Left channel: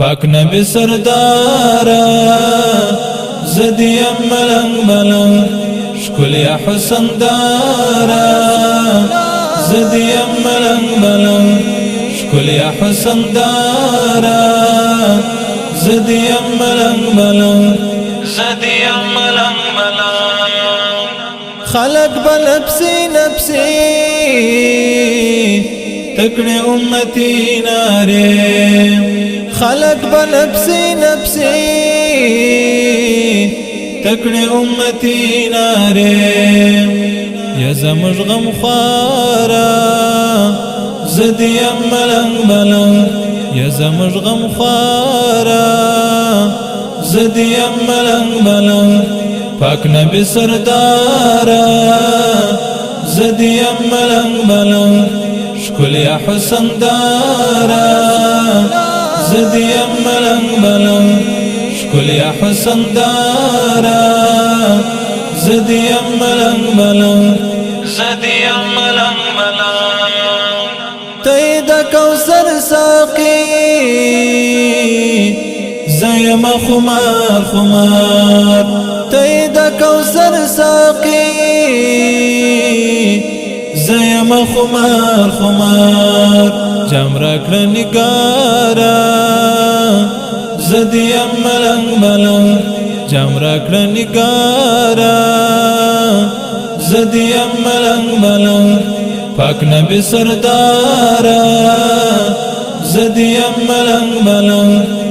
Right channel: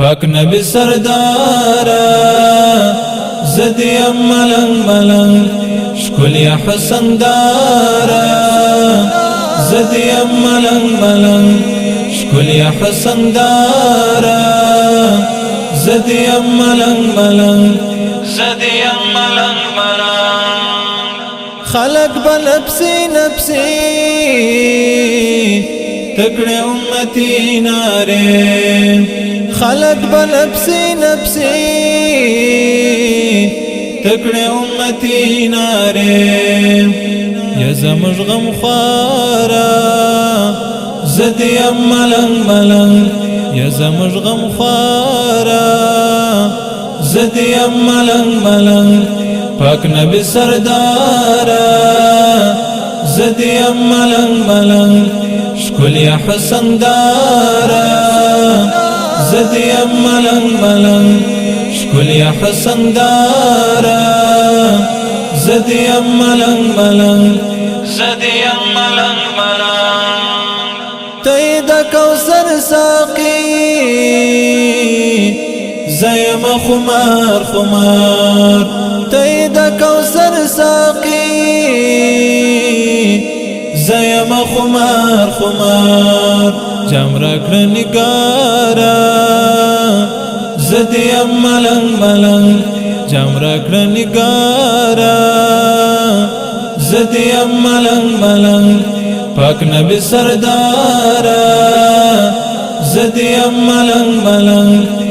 پاک نبی سردارا زدیم ملنگ ملنگ شکلی حسن دارا زدیم ملنگ ملنگ شکلی حسن دارا زدیم ملنگ ملنگ زدیم ملنگ ملنگ خلق بنفسی نفسی تکڑے امتی نارے خلق بنفسی نفسی تکڑے امتی نارے یا زمج غم خوارا زدیم ملنگ ملنگ یا زمج غم خوارا زدیم ملنگ ملنگ پاک نبی سردارا زدیم ملنگ ملنگ شکلی حسن دارا زدیم ملنگ ملنگ شکلی حسن دارا زدیم ملنگ ملنگ زدیم ملنگ ملنگ تید کوثر ساقی زیم خمار خمار تید کوثر ساقی زیم خمار خمار جام راکړه نگارا زدیم ملنگ ملنگ جام راکړه نگارا زدیم ملنگ ملنگ پاک نبی سردارا زدیم ملنگ ملنگ